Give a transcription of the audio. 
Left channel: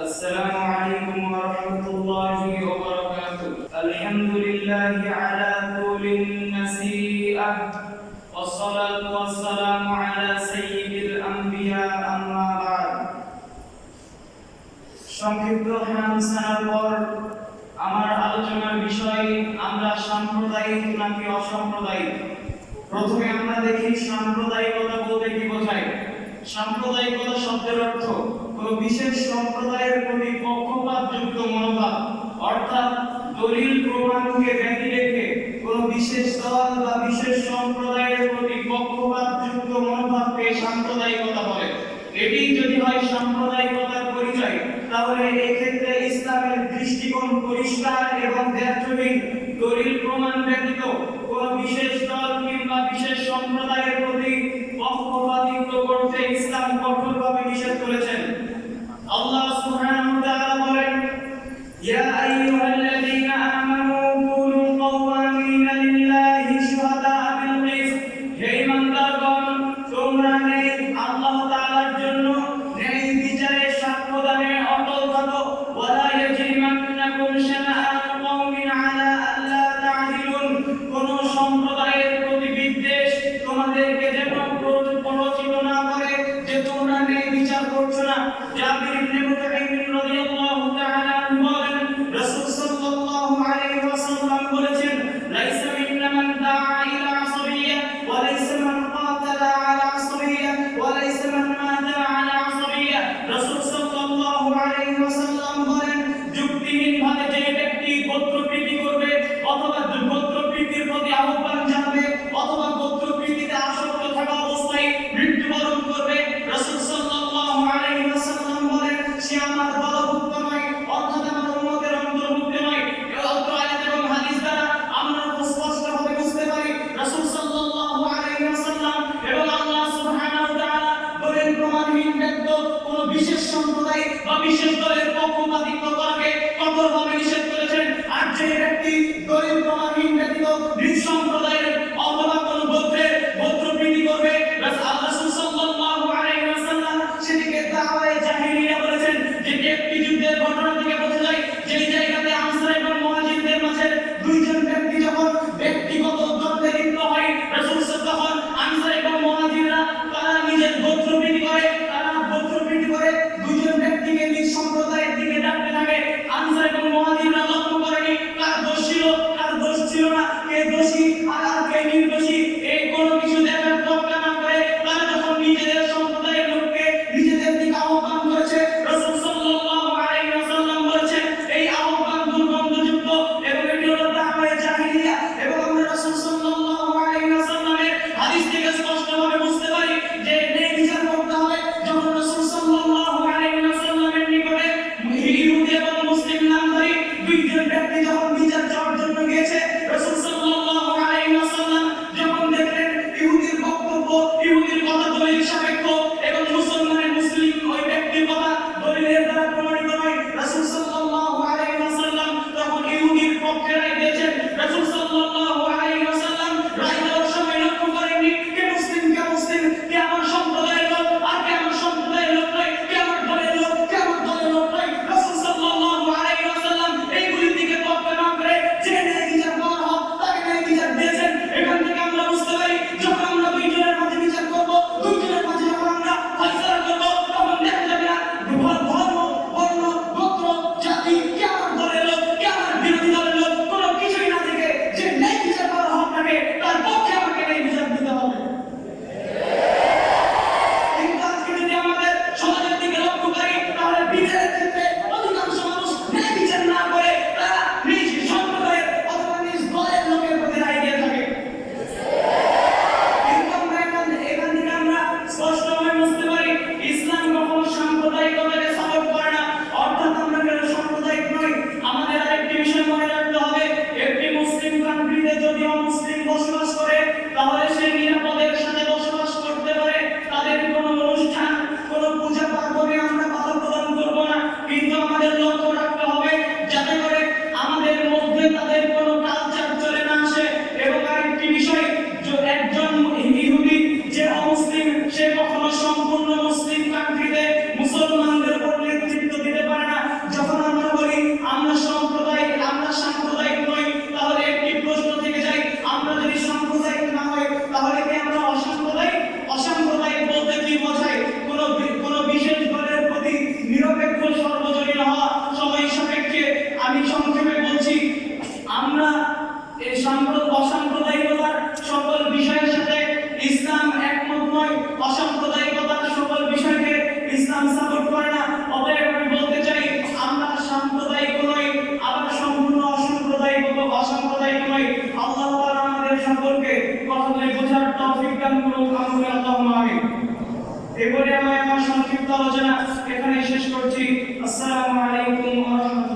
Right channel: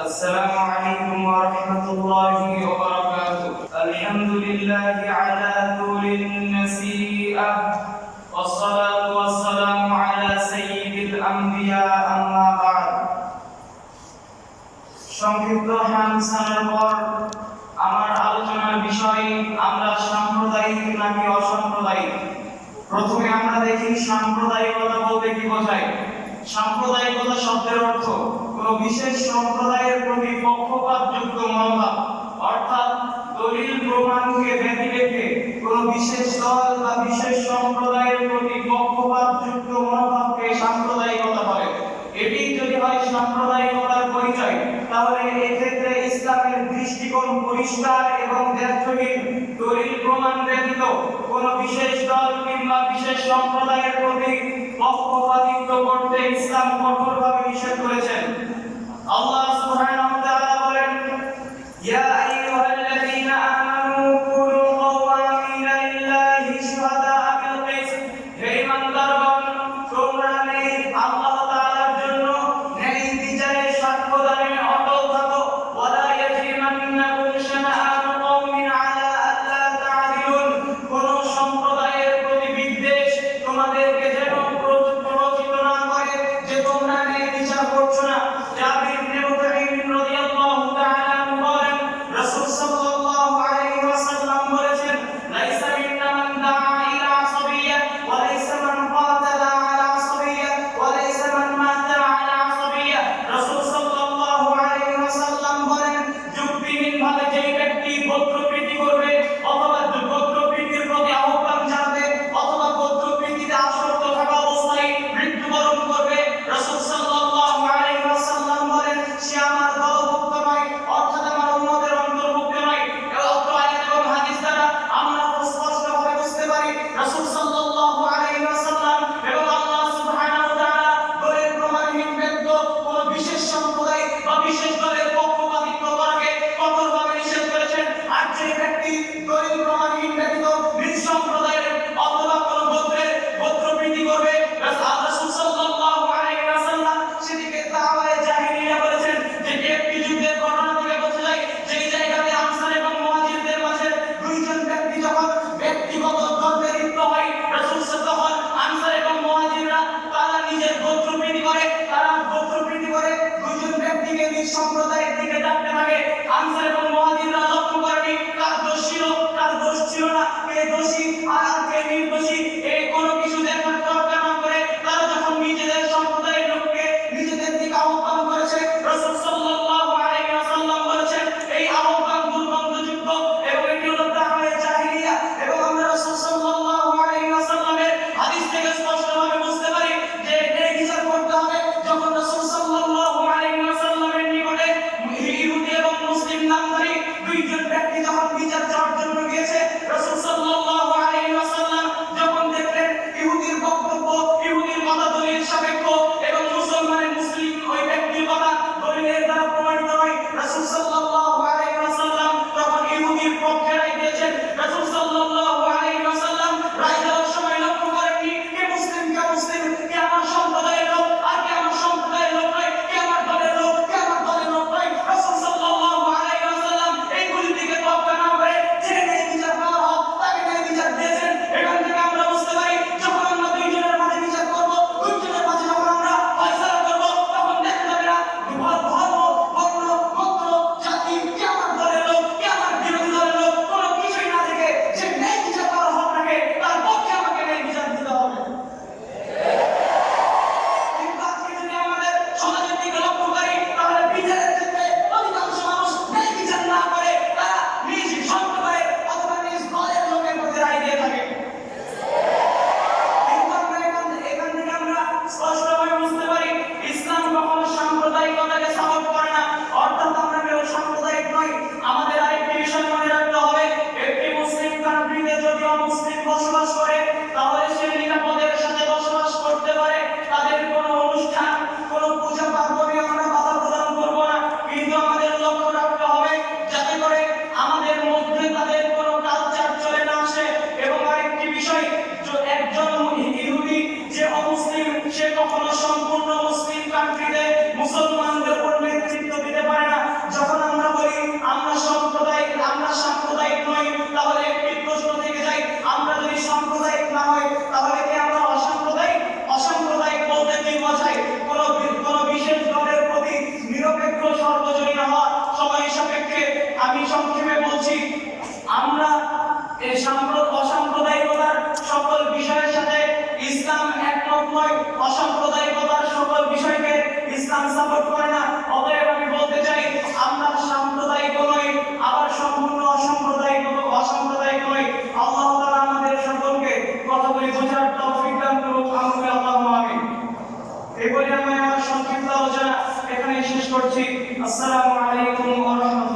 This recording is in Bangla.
السلام عليكم ورحمة الله وبركاته. الحمد لله على طول النسيئة والصلاة والسلام على سيد الأنبياء أما بعد. সংক্ষিপ্ত হামসানের পর আমার আলোচনার বিষয় আমরা সাম্প্রদায়িক নাকি অসাম্প্রদায়িক। প্রথমে আমরা দেখি সাম্প্রদায়িকতা বলতে কি বোঝায়। সাম্প্রদায়িকতা শব্দের অর্থ কোন বিশেষ সম্প্রদায়ের প্রতি পক্ষপাতযুক্ত মনোভাব, অর্থাৎ দলিল প্রমাণকে ব্যতি রেখে কোন বিশেষ দল বা বিশেষ সম্প্রদায়ের প্রতি পক্ষপাতযুক্ত মনোভাবকে সাম্প্রদায়িকতা বলে। এটি যদি হয় সাম্প্রদায়িকতার পরিচয়, তাহলে এক্ষেত্রে ইসলামের দৃষ্টিকোণ পরিষ্কার এবং দ্ব্যর্থহীন। দলিল প্রমাণ ব্যতীত কোন বিশেষ দল কিংবা বিশেষ সম্প্রদায়ের প্রতি পক্ষপাতিত্ব করতে ইসলাম কঠোরভাবে নিষেধ করেছেন। আল্লাহ সুবহানাহু ওয়া তাআলা বলেন, ইয়া আইয়ুহাল্লাযীনা আমানু কুনু কাওয়ামিনা লিল্লাহি শুহাদাআ বিল কিসত। হে ঈমানদারগণ, তোমরা আল্লাহ তাআলার জন্য ন্যায় বিচারে সাক্ষ্যদানে অটল থাকো। ওয়ালা ইয়াজরিমান্নাকুম শানাআনু কওমিন আলা আল্লা তা'দিলুন। কোন সম্প্রদায়ের প্রতি বিদ্বেষ তোমাদেরকে যেন প্ররোচিত না করে যে তোমরা ন্যায় বিচার করছো না। জাবির ইবনে মুতাইম রাদিয়াল্লাহু তাআলা বলেন, রাসূল সাল্লাল্লাহু আলাইহি ওয়াসাল্লাম বলেছেন, লাইসা মিন্না মান দাআ ইলা আসাবিয়্যা ওয়া লাইসা মান কাতালা আলা আসাবিয়্যা ওয়া লাইসা মান মাতা আলা আসাবিয়্যা। রাসূল সাল্লাল্লাহু আলাইহি ওয়াসাল্লাম বলেন, যুক্তিহীনভাবে যে ব্যক্তি গোত্রপ্রীতি করবে অথবা গোত্রপ্রীতির প্রতি আহ্বান জানাবে অথবা গোত্রপ্রীতিতে আসক্ত থাকা অবস্থায় মৃত্যুবরণ করবে, রাসূল সাল্লাল্লাহু আলাইহি ওয়াসাল্লাম বলেন, সে আমার দলভুক্ত নয়, অর্থাৎ আমার উম্মতের অন্তর্ভুক্ত নয়। এই অত্র আয়াত এবং হাদিস দ্বারা আমরা স্পষ্টভাবে বুঝতে পারি রাসূল সাল্লাল্লাহু আলাইহি ওয়াসাল্লাম এবং আল্লাহ সুবহানাহু ওয়া তাআলা দলিল প্রমাণহীন ব্যতীত কোন বিশেষ সম্প্রদায় বা বিশেষ দলের পক্ষপাতিত্ব করাকে কঠোরভাবে নিষেধ করেছেন। আর যে ব্যক্তি দলিল প্রমাণহীন ব্যতীত নিজ সম্প্রদায়ের অথবা কোন গোত্রের গোত্রপ্রীতি করবে, রাসূল সাল্লাল্লাহু আলাইহি ওয়াসাল্লাম সেটিকে দাওয়ায়ে জাহিলিয়া বলেছেন, যেটি একটি যুদ্ধের ঘটনা থেকে বোঝা যায়। যেই জায়গাতে আনসার এবং মুহাজিরদের মাঝে দুইজন ব্যক্তি যখন ব্যক্তিগত দ্বন্দ্বে লিপ্ত হয়, রাসূল তখন আনসার এবং মুহাজিররা তারা নিজের গোত্রপ্রীতি করে, দুইজন ব্যক্তিকে নিজ সম্প্রদায়ের দিকে ডাকতে থাকে। আনসার এবং মুহাজিররা লক্ষ্য করেনি কার দোষ ছিল কার দোষ ছিল না, কে দোষী আর ইসলাম সাপোর্ট করে না। অতএব আমি বলতে চাই আমরা সাম্প্রদায়িক নই, আবার সম্পূর্ণ অসাম্প্রদায়িক নই। আল্লাহ তাআলা আমাদের সকলকে কথাগুলি বোঝার তৌফিক দান করুক। আল্লাহুম্মা আমিন। এরপরে আমি আমার সংক্ষিপ্ত আলোচনা এখানে শেষ করছি। আসসালামু আলাইকুম ওয়া রাহমাতুল্লাহ।